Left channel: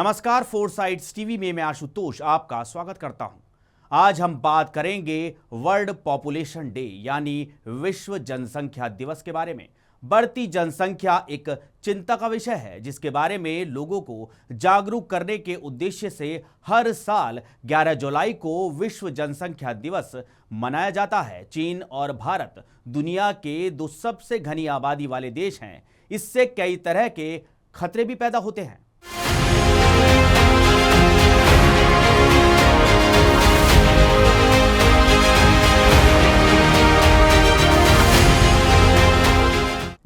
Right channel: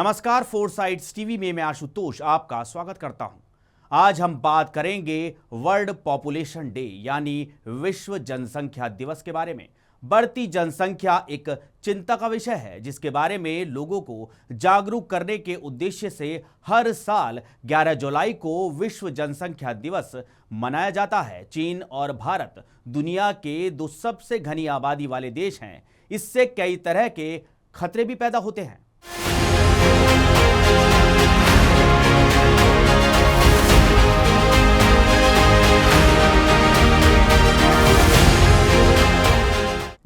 नमस्कार, फोरसाइट्स टीवी में मैं आशुतोष आपका स्वागत करता हूं। आज हम बात करेंगे वर्ल्ड पॉपुलेशन डे यानी विश्व जनसंख्या दिवस के बारे में। बढ़ती जनसंख्या एक चिंता का विषय है जिसके बारे में लोगों को जागरूक करने के उद्देश्य से हर साल 11 जुलाई को विश्व जनसंख्या दिवस मनाया जाता है। चीन और भारत दुनिया के दो सबसे घनी आबादी वाले देश हैं। इससे कई तरह के खतरे भी पैदा होते हैं।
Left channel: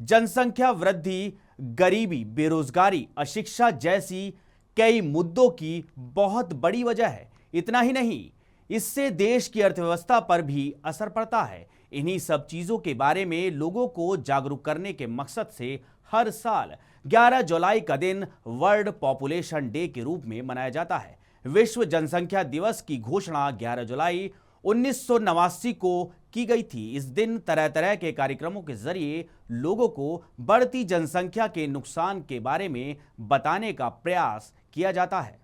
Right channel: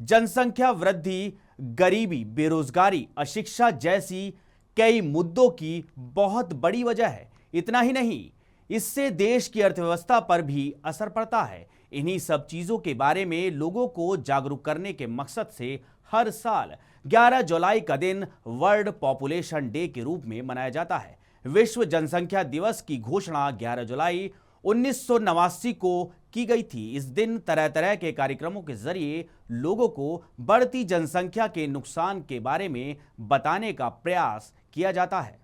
जनसंख्या वृद्धि गरीबी, बेरोजगारी, अशिक्षा जैसी कई मुद्दों की बहुत बड़ी वजह है। इतना ही नहीं, इससे देश की अर्थव्यवस्था पर भी असर पड़ता है। इन्हीं सब चीजों के बारे में लोगों को जागरूक करने के मकसद से हर साल 11 जुलाई का दिन वर्ल्ड पॉपुलेशन डे के रूप में मनाया जाता है। विश्व जनसंख्या दिवस की घोषणा 11 जुलाई 1989 को की गई थी। इस दिन तरह तरह के कार्यक्रमों के जरिए लोगों को बढ़ती जनसंख्या के नुकसान के बारे में बताने का प्रयास किया जाता है।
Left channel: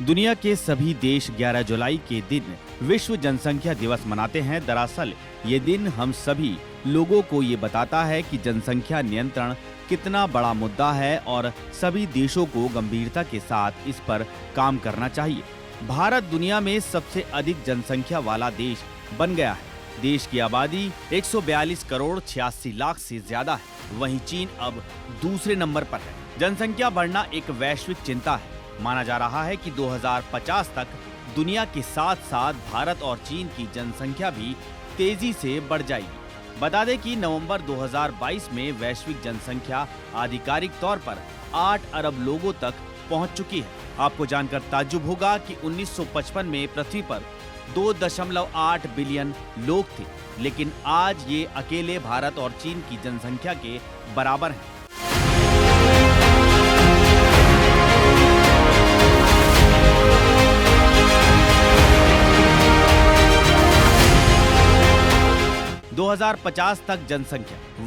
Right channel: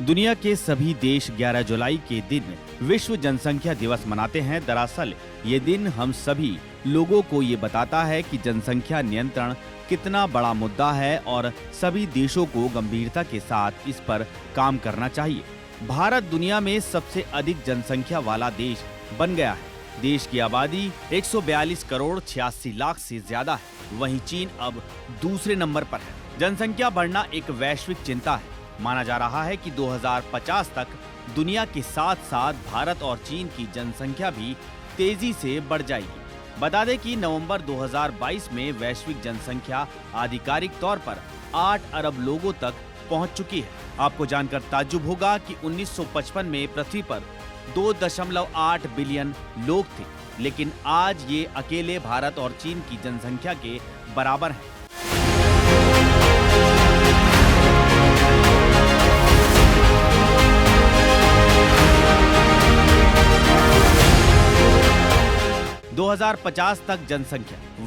दुनिया के सभी देश 11 जुलाई के दिन विश्व जनसंख्या दिवस मनाते हैं। दरअसल ये दिन हम सभी लोगों को ये बताता है कि जनसंख्या नियंत्रण कितना बड़ा मुद्दा है और सभी देशों को गंभीरता के साथ इस पर काम करना चाहिए। भारत दुनिया में सबसे अधिक जनसंख्या वाला देश बन गया है। देश की आबादी 142 करोड़ 86 लाख से ज्यादा है। वहीं चीन अब दूसरे नंबर पर है। जनसंख्या बढ़ना एक वैश्विक चिंता है। माना जा रहा है कि 2050 तक दुनिया के साथ साथ भारत और चीन की जनसंख्या भी तेजी से बढ़ जाएगी। बता दें कि नवंबर 2022 में वैश्विक जनसंख्या आधिकारिक तौर पर 8 अरब लोगों तक पहुंच चुकी है। आपको जानकर ताज्जुब होगा कि 1955 में पृथ्वी पर 2.8 बिलियन लोग थे, लेकिन आज ये अकेले भारत और चीन की जनसंख्या के बराबर हैं।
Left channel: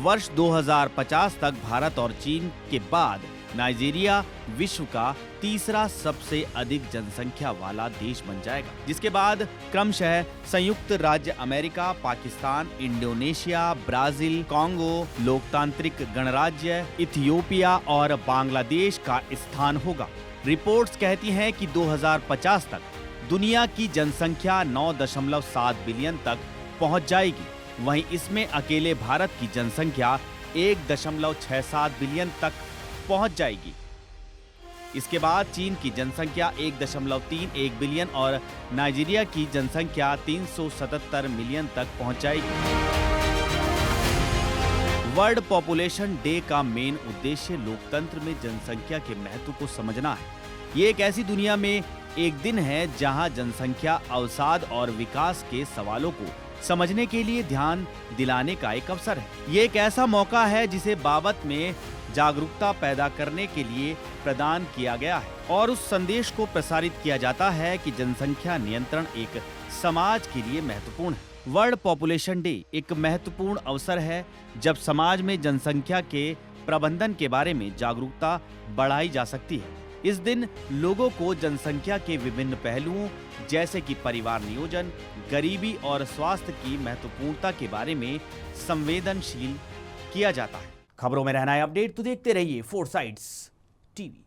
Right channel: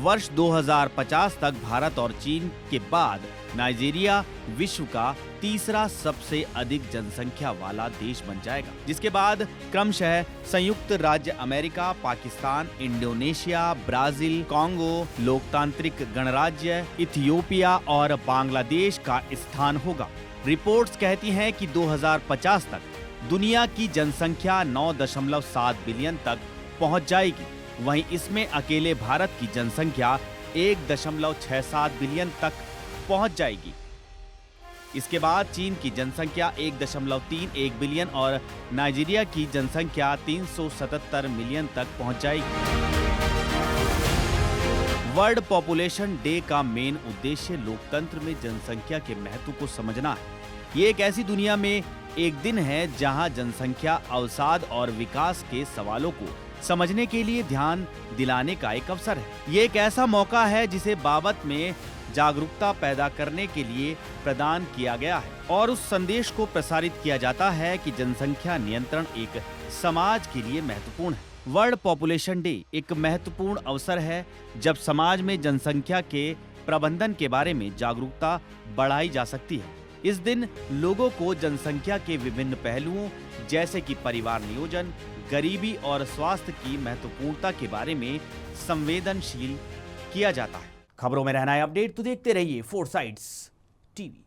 वर्ष 2050 तक भारत और चीन के बाद नाइजीरिया विश्व का तीसरा सबसे अधिक जनसंख्या वाला देश बन जाएगा, जिसके बाद क्रमशः संयुक्त राज्य America, Pakistan, Indonesia, Brazil, Congo, लोकतांत्रिक गणराज्य, इथियोपिया और बांग्लादेश का स्थान होगा। रिपोर्ट्स कहती हैं कि 2050 तक दुनिया की जनसंख्या 9.7 बिलियन तक पहुंच जाएगी। वहीं इसमें अकेले भारत की जनसंख्या 1.67 बिलियन तक पहुंच जाएगी। इसके बाद चीन की जनसंख्या 1.31 बिलियन और नाइजीरिया की जनसंख्या 377 मिलियन तक पहुंच जाएगी। वर्ल्ड पॉपुलेशन डे का मेन उद्देश्य लोकतंत्र में जनसंख्या के महत्व को समझना है। ये एक ऐसी दुनिया में एक दिन है जहां जनसंख्या अवसाद और विकास के सवालों को समझने के लिए ध्यान दिलाने का एक अवसर है। ये एक ऐसा मौका है जिसे बाबत में जागरूकता पैदा करने के लिए प्रदान किया गया है और उस संदेश को प्रसारित किया जाता है कि जनसंख्या नियंत्रण एक समाज के लिए महत्वपूर्ण है। वर्ल्ड पॉपुलेशन डे एक महत्वपूर्ण अवसर है जब समाज में जनसंख्या के प्रबंधन के बारे में जागरूकता बढ़ाई जा सकती है। इस दिन लोगों को जनसंख्या के विभिन्न पहलुओं जैसे कि परिवार नियोजन, गरीबी और स्वास्थ्य की महत्वपूर्णता के बारे में संवेदनशील किया जाता है। खबरों में रहना है अपडेट तो देखते रहिए फोरसाइट्स टीवी।